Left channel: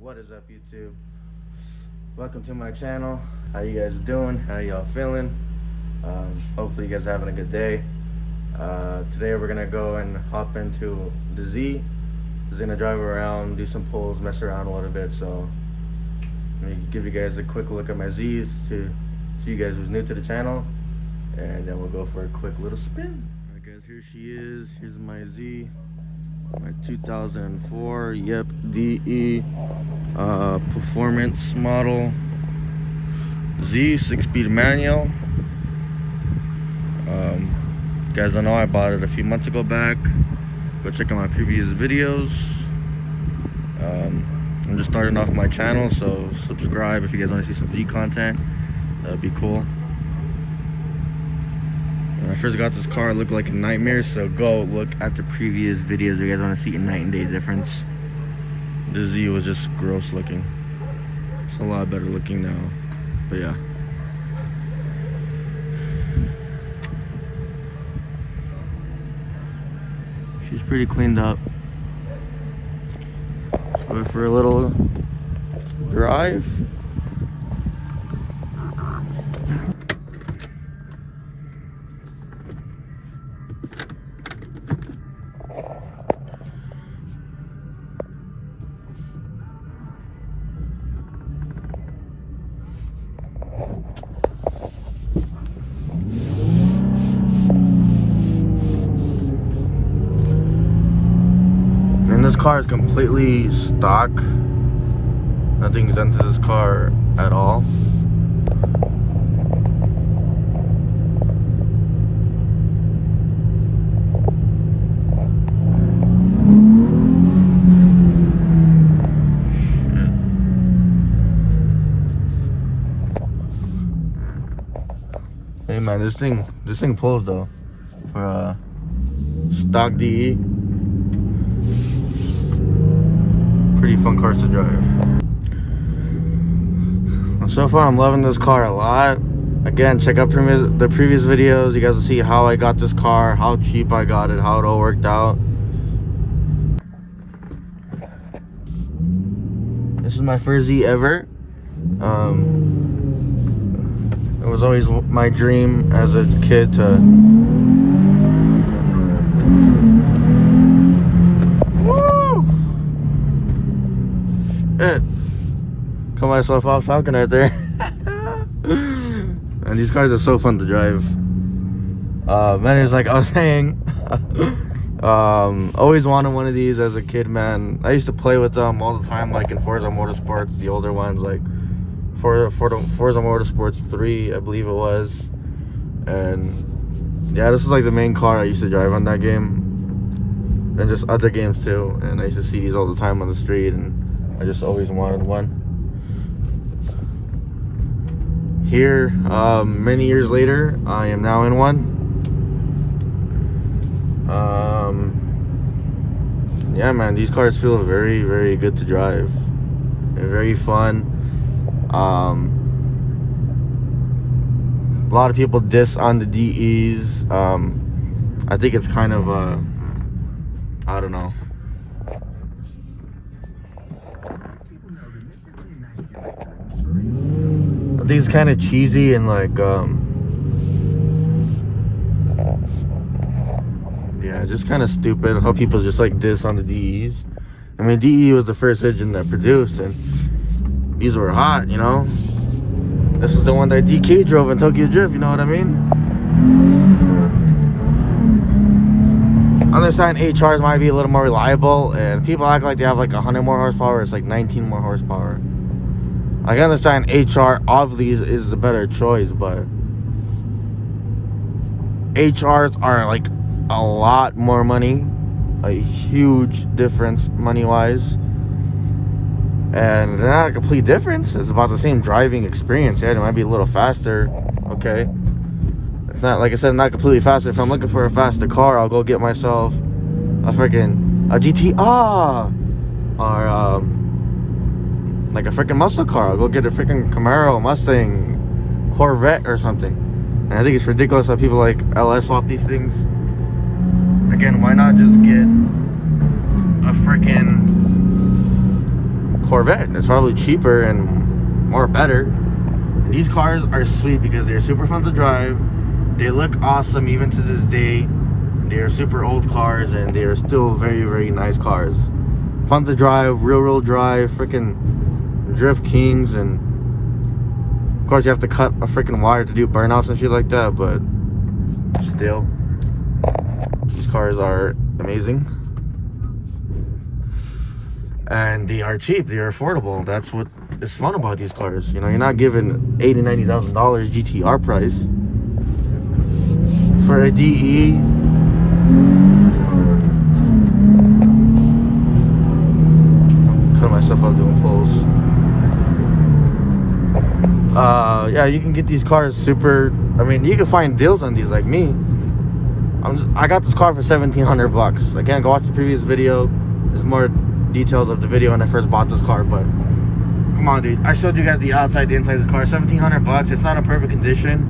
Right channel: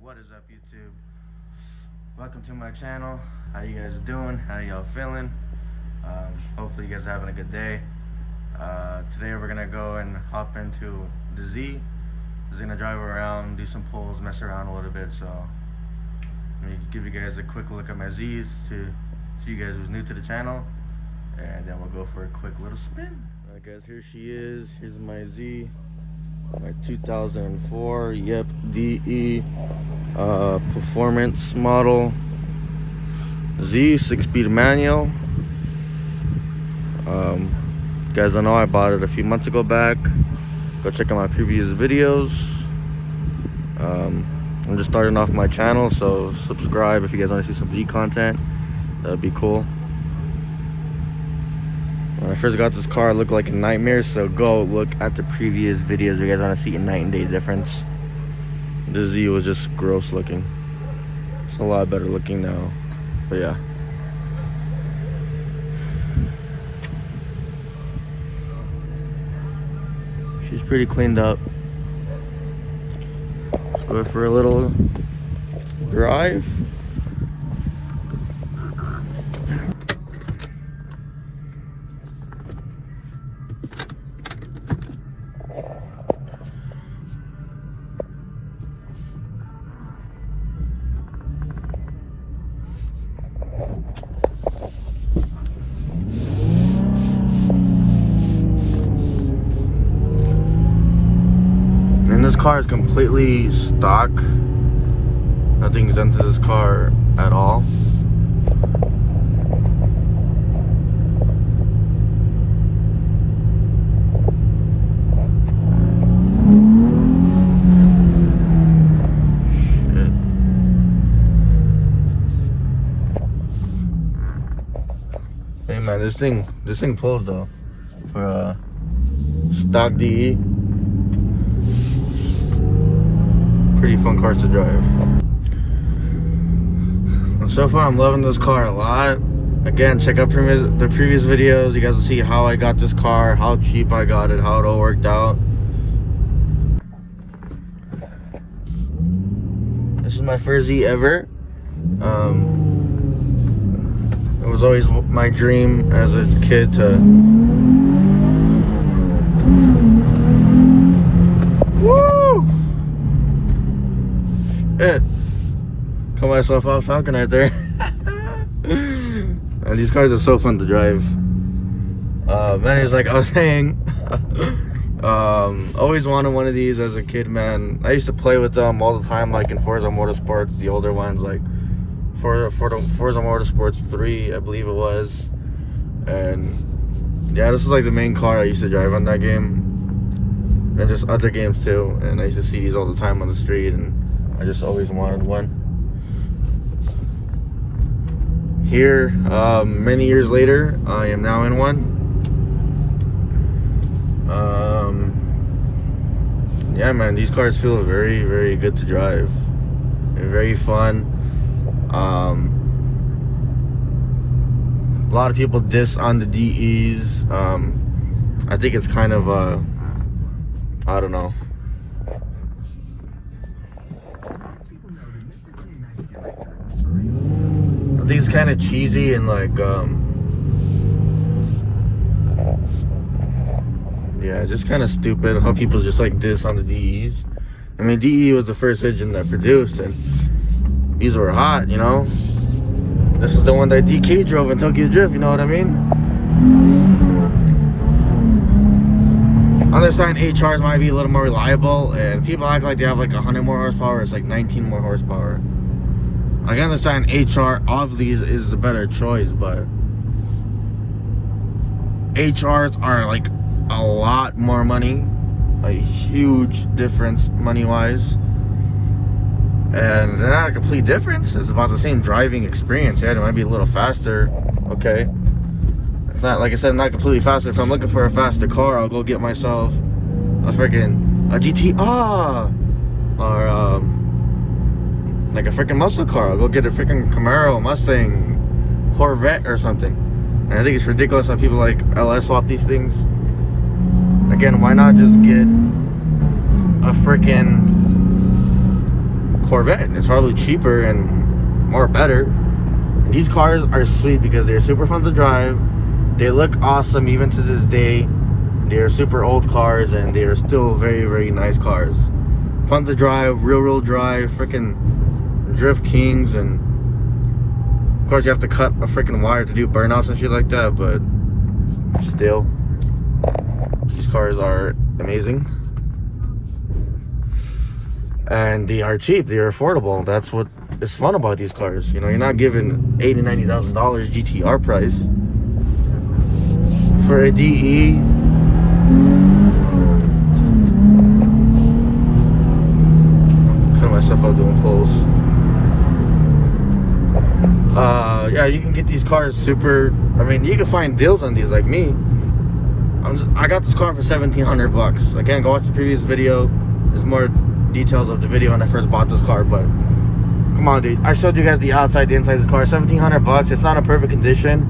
What is up, YouTube? Welcome to my channel. How you guys doing? How y'all feeling? Hopefully you guys are having a good day. Today we're gonna go and hop into the Z. We're gonna drive around, do some pulls, mess around a little bit. So let me give you guys a quick look at my Z's to you guys who's new to the channel, and then we'll go for a quick little spin. Alright guys, here she is. Here's my Z. My 2004 DE performance model Z 6-speed manual. You guys don't know, I bought it a few months ago back. Go check out my previous videos. I'm just starting off my channel, so subscribe if you guys want to see some Z content. That would be cool. When I first got this car, it looked like a nightmare, so go look at the previous videos if you guys want to see a night and day difference. The Z was just gross looking. It's a lot better looking now, but yeah. She's pretty cleaned up. Let's go for a little drive. And this car is completely stock. Nothing's done to this car at all. Hey man, this thing pulls though for a stock DE. Pretty fun cars to drive. So far I'm loving this car a lot. Again, check out the previous videos. You guys will see how I got this car, how cheap I got it, how it all worked out. This is my first Z ever. It was always my dream as a kid to cut myself off talking right there. And these cars are so fun to drive. Man, it's like I was saying, always wanted one of these as a kid, man. I used to play with them all the time, like in Forza Motorsports, the older ones, like Forza Motorsports 3, I believe it was. And yeah, this was like the main car I used to drive on that game, and just other games too. And I used to see these all the time on the street, and I just always wanted one. Here, many years later, I am now in one. Yeah, man, these cars feel very, very good to drive. They're very fun. A lot of people diss on the DEs. I think it's kind of I don't know. I think it's kind of cheesy and like yeah, just kind of stupid how people just like diss on the DEs. I mean, DE was the first engine that produced, and these were hot, you know. This is the one that DK drove in Tokyo Drift, you know what I mean? I understand HRs might be a little more reliable, and people act like they have like 100 more horsepower. It's like 19 more horsepower. I can understand HR obviously is the better choice, but HRs are like a lot more money, a huge difference money-wise, and they're not a complete difference. It's about the same driving experience. Yeah, it might be a little faster. Okay, it's not, like I said, not completely faster. If I'm looking for a faster car, I'll go get myself a freaking GTR or like a freaking muscle car. I'll go get a freaking Camaro, Mustang, Corvette or something. And I think it's ridiculous how people like LS swap these things. Again, why not just get a freaking Corvette. It's probably cheaper and more better. These cars are sweet because they're super fun to drive. They look awesome even to this day. They're super old cars and they are still very, very nice cars. Fun to drive, real drive, freaking drift kings. And of course you have to cut a freaking wire to do burnouts and shit like that, but still, these cars are amazing. And they are cheap, they are affordable. That's what is fun about these cars. You know, you're not giving $80,000, $90,000 GTR price for a DE. Cut myself out doing pulls. Yeah, you can get these cars super. I mean, you can find deals on these like me. I got this car for $1,700. Again, go watch the previous video. There's more details of the video when I first bought this car, but come on, dude. I showed you guys the outside, the inside of this car. $1,700. It's not in perfect condition,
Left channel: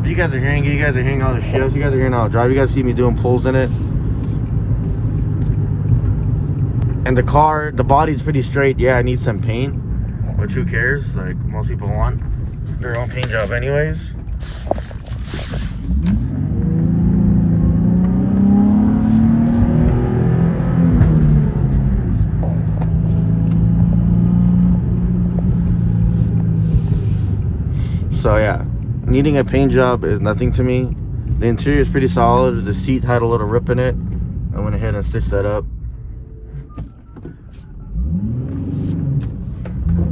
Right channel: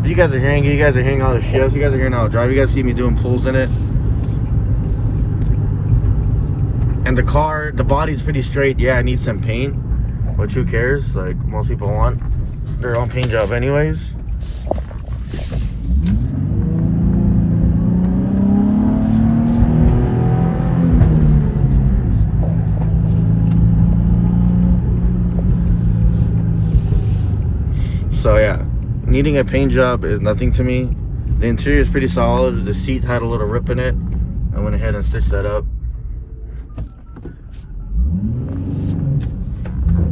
but you guys are hearing it. You guys are hearing all the shifts. You guys are hearing how I drive. You guys see me doing pulls in it. And the car, the body's pretty straight. Yeah, I need some paint, which who cares? Like, most people want their own paint job anyways. So yeah, needing a paint job is nothing to me. The interior is pretty solid. The seat had a little rip in it. I went ahead and stitched that up.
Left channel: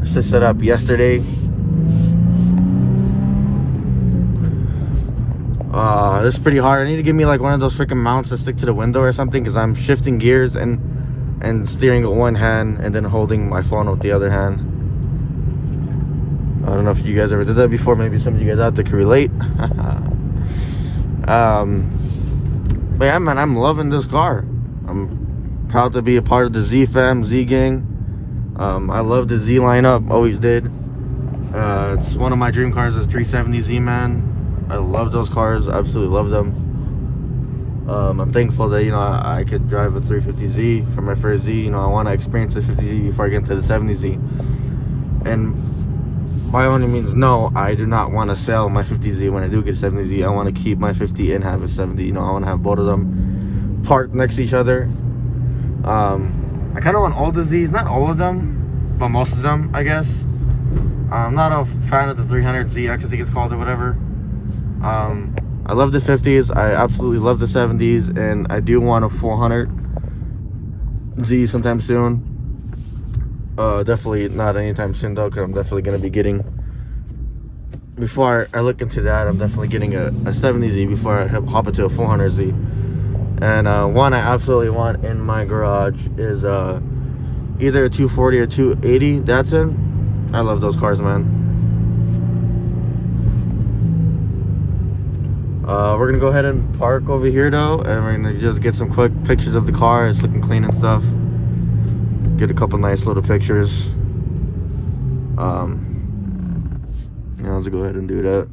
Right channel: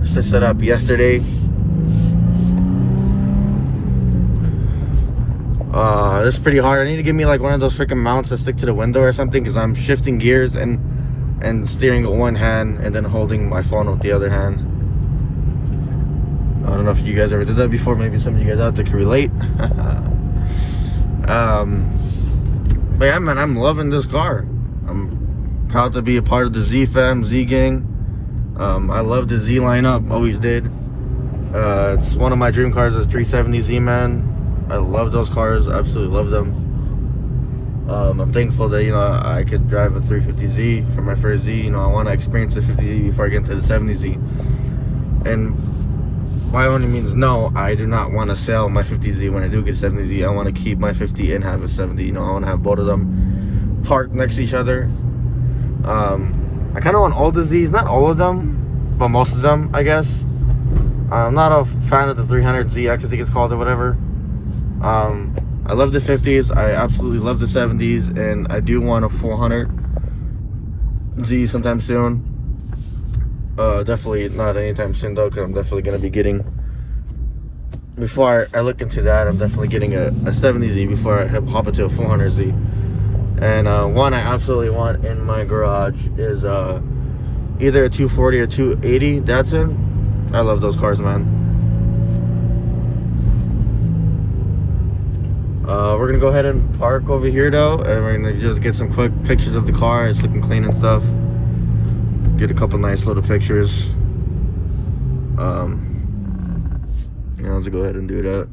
I stitched that up yesterday. This is pretty hard. I need to get me like one of those freaking mounts that stick to the window or something, because I'm shifting gears and steering with one hand and then holding my phone with the other hand. I don't know if you guys ever did that before. Maybe some of you guys out there can relate. But yeah, man, I'm loving this car. I'm proud to be a part of the Z fam, Z gang. I love the Z lineup, always did. It's one of my dream cars, is 370Z, man. I love those cars, absolutely love them. I'm thankful that, you know, I could drive a 350Z for my first Z. You know, I want to experience the 50Z before I get into the 70Z. And by all means, no, I do not want to sell my 50Z when I do get 70Z. I want to keep my 50 and have a 70. You know, I want to have both of them parked next to each other. I kind of want all the Zs, not all of them, but most of them, I guess. I'm not a fan of the 300ZX, I think it's called, or whatever. I love the 50s, I absolutely love the 70s, and I do want a 400Z sometime soon. Definitely not anytime soon though, because I'm definitely going to be getting, before I look into that, I'm definitely getting a 70Z before I hop into a 400Z. And one I absolutely want in my garage is either a 240 or 280 Datsun. I love those cars, man. We're gonna go ahead and park over here though, and we're gonna just get some quick pictures of the car. It's looking clean and stuff. Get a couple nice little pictures. Yeah, let's go ahead and do that.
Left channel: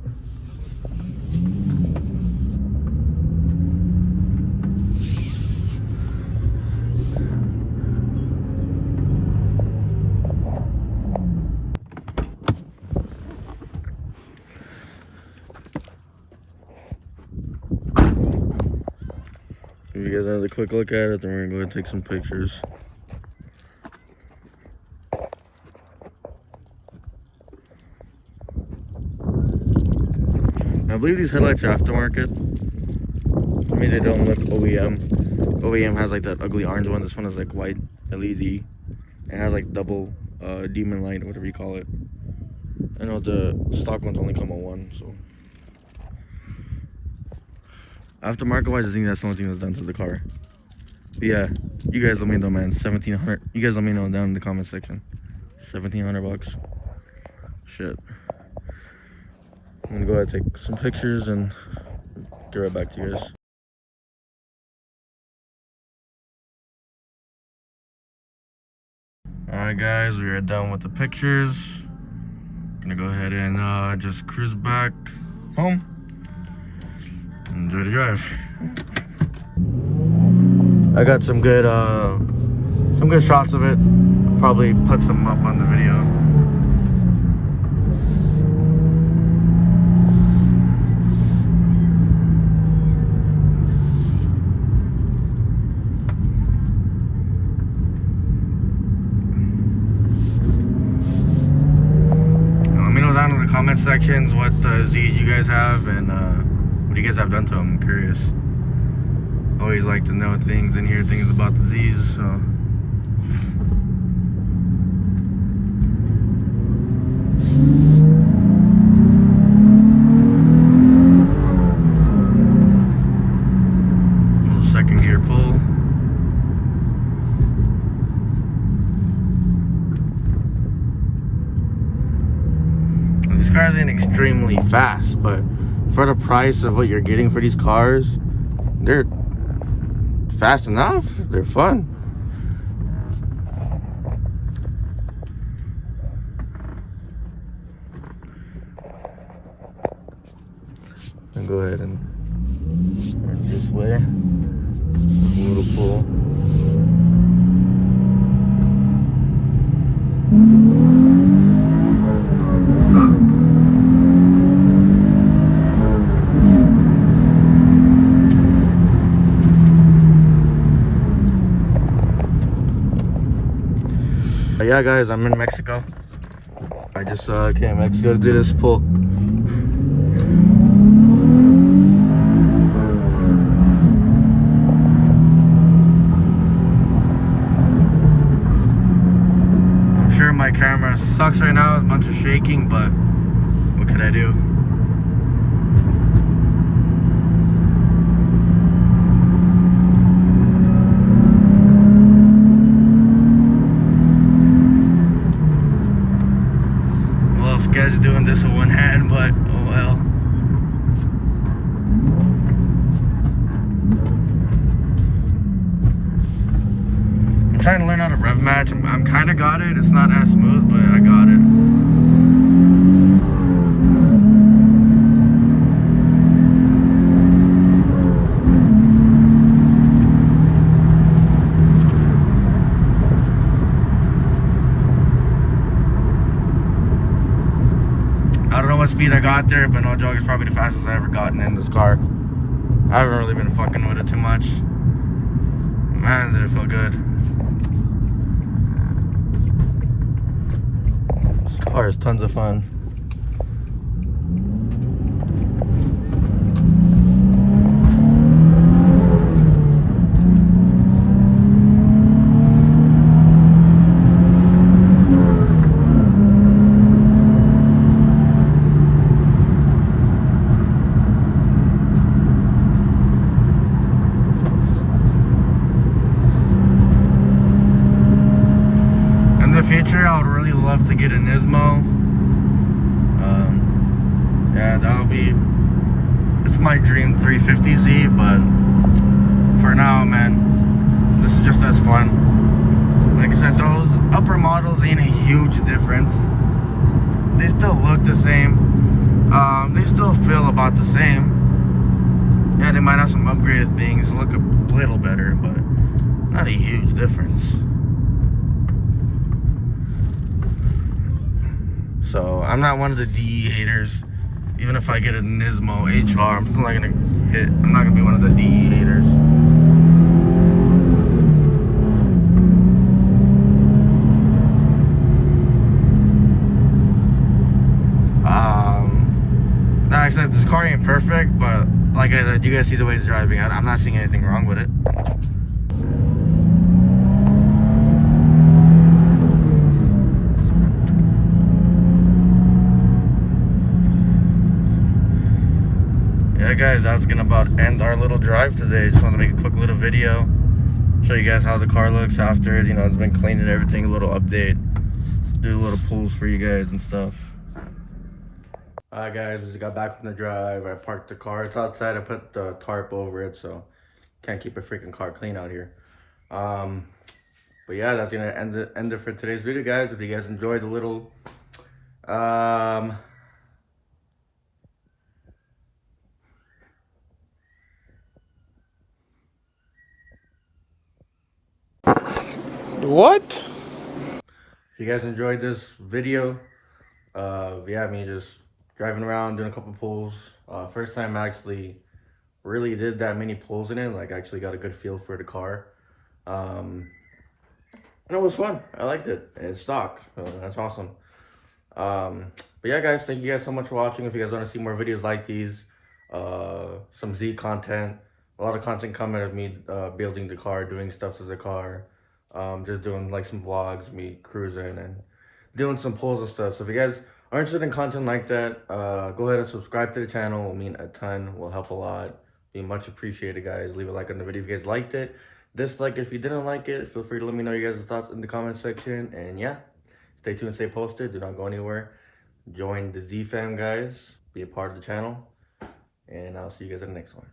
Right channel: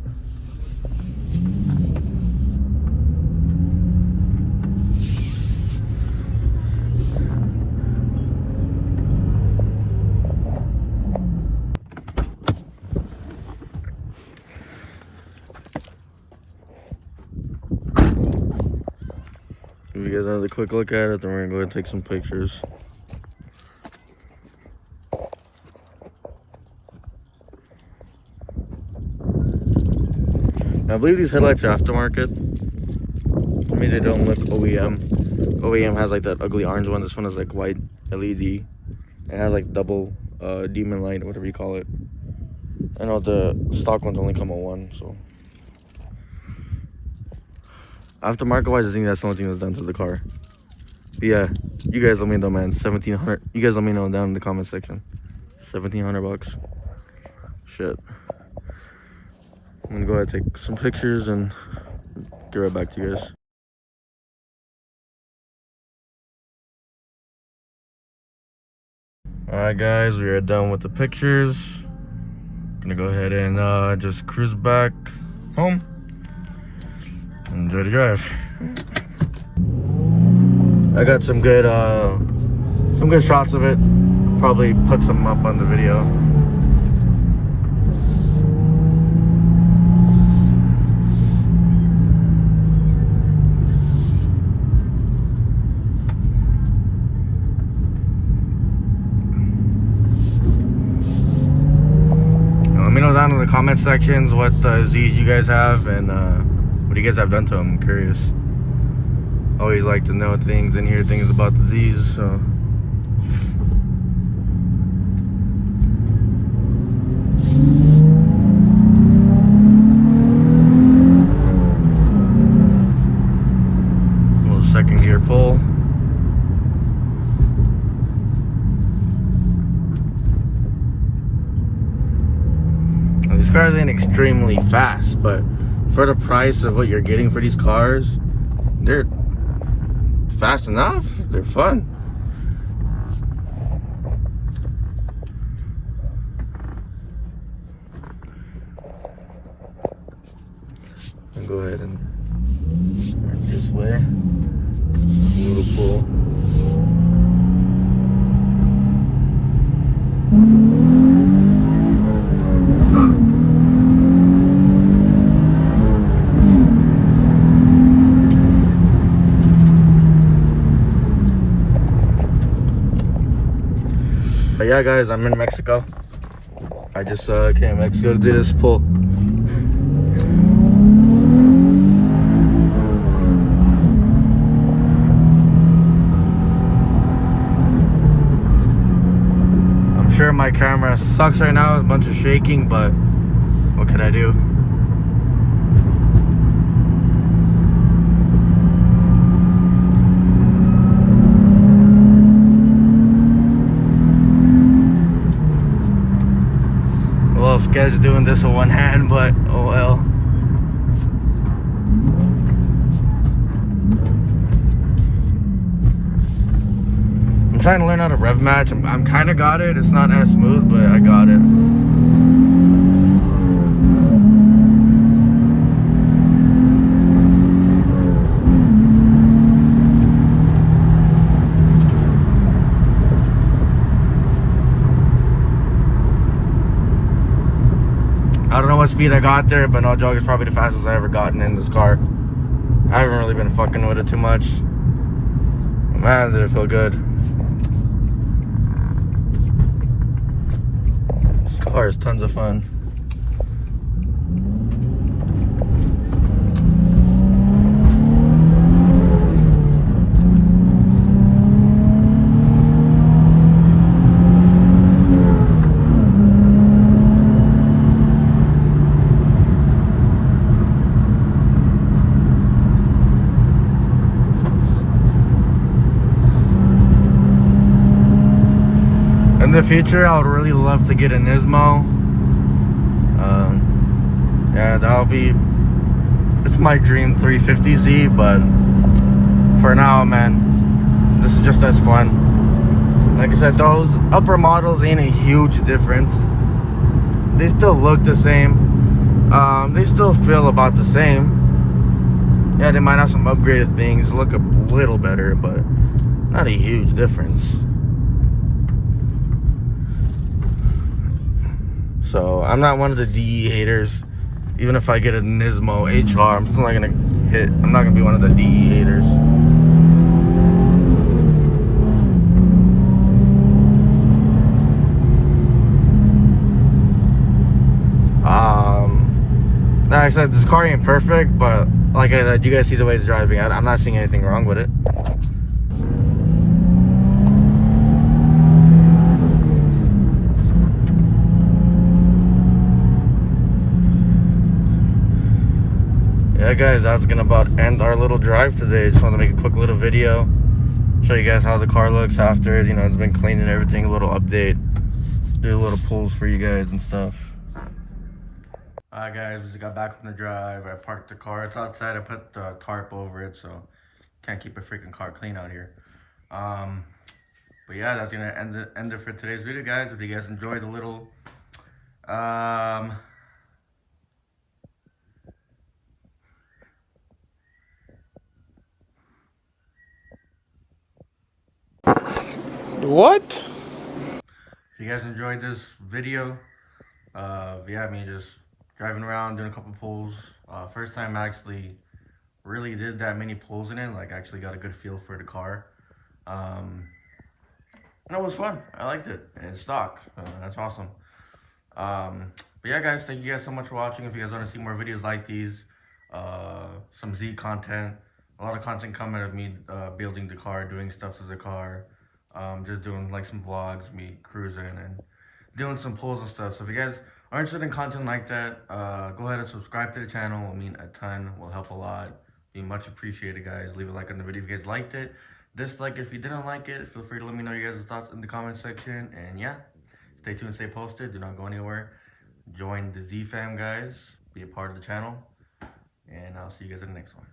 Give you guys another quick look at it, then we're gonna go ahead and take some pictures. I believe these headlights are aftermarket. I mean, they don't look OEM. OEM has like that ugly orange one. This one is like white LED. It has like double demon light, whatever you call it. I know the stock ones only come with one, so. Aftermarket wise, I think that's the only thing that's done to the car. But yeah, you guys let me know, man. 1,700. You guys let me know down in the comment section. 1,700 bucks. Shit. I'm gonna go ahead and take some pictures and get right back to you guys. Alright guys, we are done with the pictures. Gonna go ahead and just cruise back home. Enjoy the drive. I got some good shots of it. probably put some up on the video. Let me know down in the comment sections what Z's you guys have and what you guys have done to them. I'm curious. Always like to know things and hear things about the Z's, so. Little second gear pull. Now, these cars ain't extremely fast, but for the price of what you're getting for these cars, they're fast enough. They're fun. I'll go ahead and this way. A little pull. But yeah, guys, I'm in Mexico. I just came to Mexico to do this pull. I'm sure my camera sucks right now, a bunch of shaking, but what can I do? Sketch doing this with one hand, but oh well. I'm trying to learn how to rev match. I'm kind of got it. It's not as smooth, but I got it. I don't know what speed I got there, but no joke, it's probably the fastest I've ever gotten in this car. I haven't really been fucking with it too much. Man, did it feel good. This car is tons of fun. In the future, I would really love to get a Nismo. And that'll be, it's my dream 350Z, but for now, man, this is just as fun. Like I said, those upper models ain't a huge difference. They still look the same. They still feel about the same. Yeah, they might have some upgraded things, look a little better, but not a huge difference. So I'm not one of the DE haters. Even if I get a Nismo HR, I'm still not gonna hit. I'm not gonna be one of the DE haters. Like I said, this car ain't perfect, but like I said, you guys see the way it's driving. I'm not seeing anything wrong with it. Yeah, guys, that's gonna about end our little drive today. Just want to make a quick little video, show you guys how the car looks after, you know, it's been cleaned and everything. A little update, do a little pulls for you guys and stuff. Alright, guys, we just got back from the drive. I parked the car. It's outside. I put the tarp over it, so can't keep a freaking car clean out here. But yeah, that's gonna end it for today's video, guys. If you guys enjoyed the little What? you guys enjoyed this video, yeah, me just driving around doing a couple pulls. First time I actually really did that many pulls in it, like actually got a good feel for the car. Um, and it was fun. I liked it. It's stock, so that's awesome. But yeah, guys, thank you guys so much for watching. If you guys want to see more videos like these, some Z content, a lot of content coming of me building the car, doing stuff to the car, just doing like some vlogs, me cruising and doing some pulls and stuff. So if you guys are interested in content like that, go ahead and subscribe to the channel. It will mean a ton. Will help a lot. Be much appreciated, guys. Leave a like on the video if you guys liked it. Dislike it if you didn't like it. Feel free to let me know your guys' thoughts in the comment section. And yeah, stay tuned, stay posted. Do not go anywhere. Join the Z fam, guys. Be a part of the channel. And I'll see you guys in the next one.